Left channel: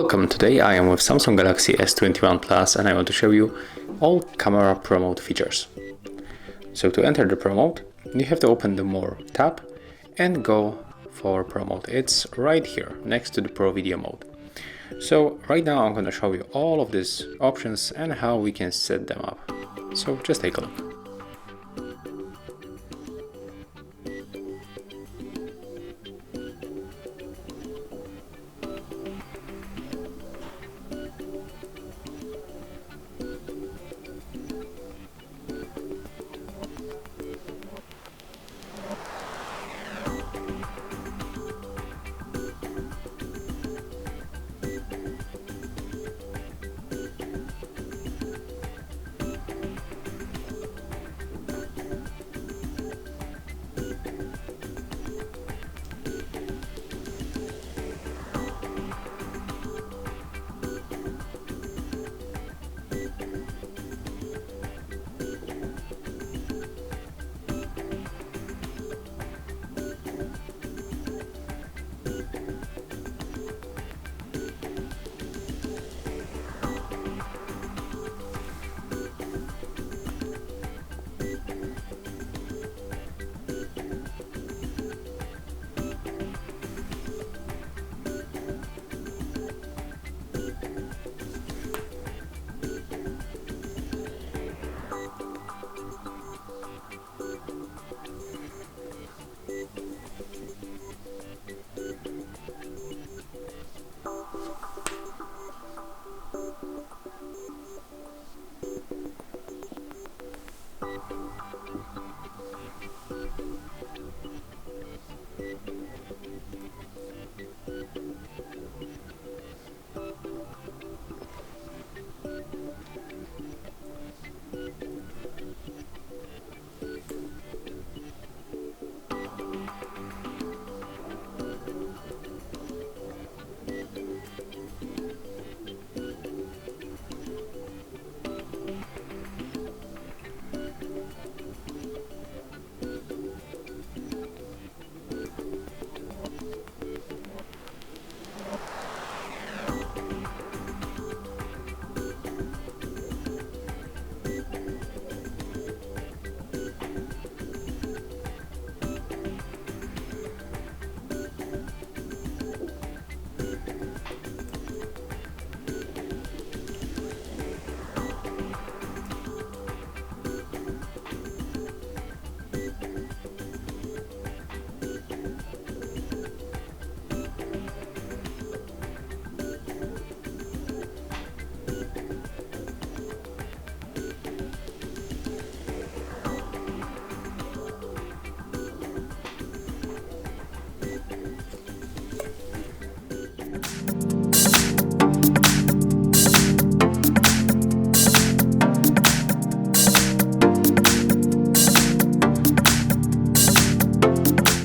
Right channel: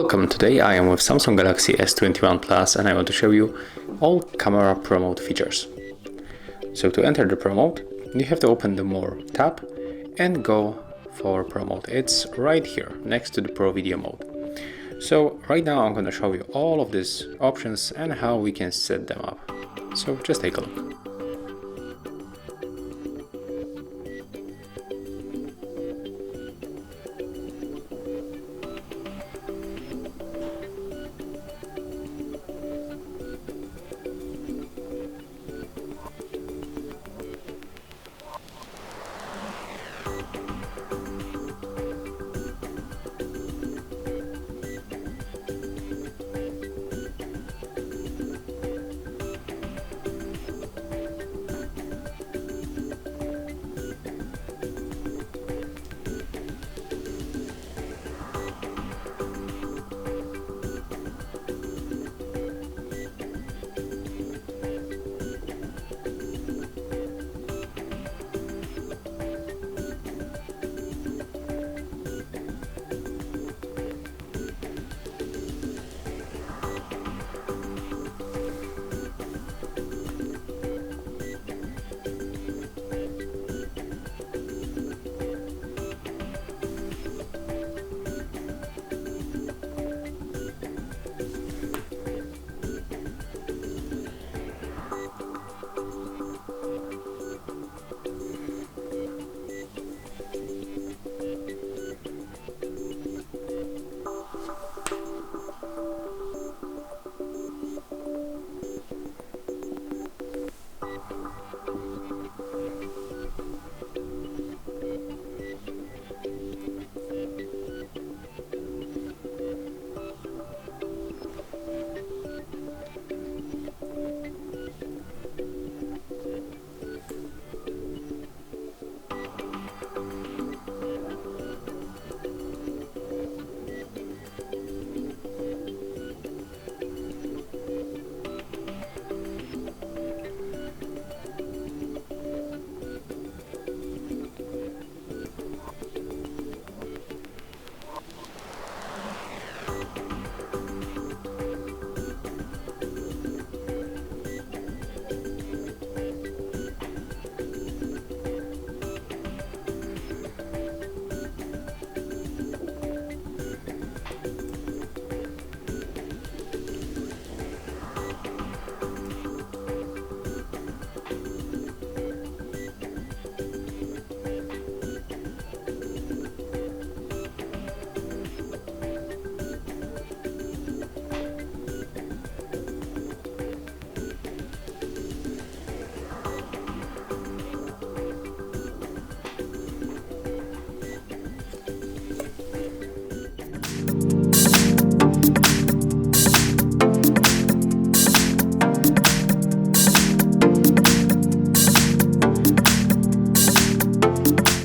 Welcome, today I am with Samsung Galaxy S21 Plus and I want to show you all camera Pro Mode features. So to enter the Pro Mode, you have to open the More tab and go for Pro Mode. It's right here next to the Pro Video Mode. So right now I'm going to show you all of these options and how we can set them up. So just take a look.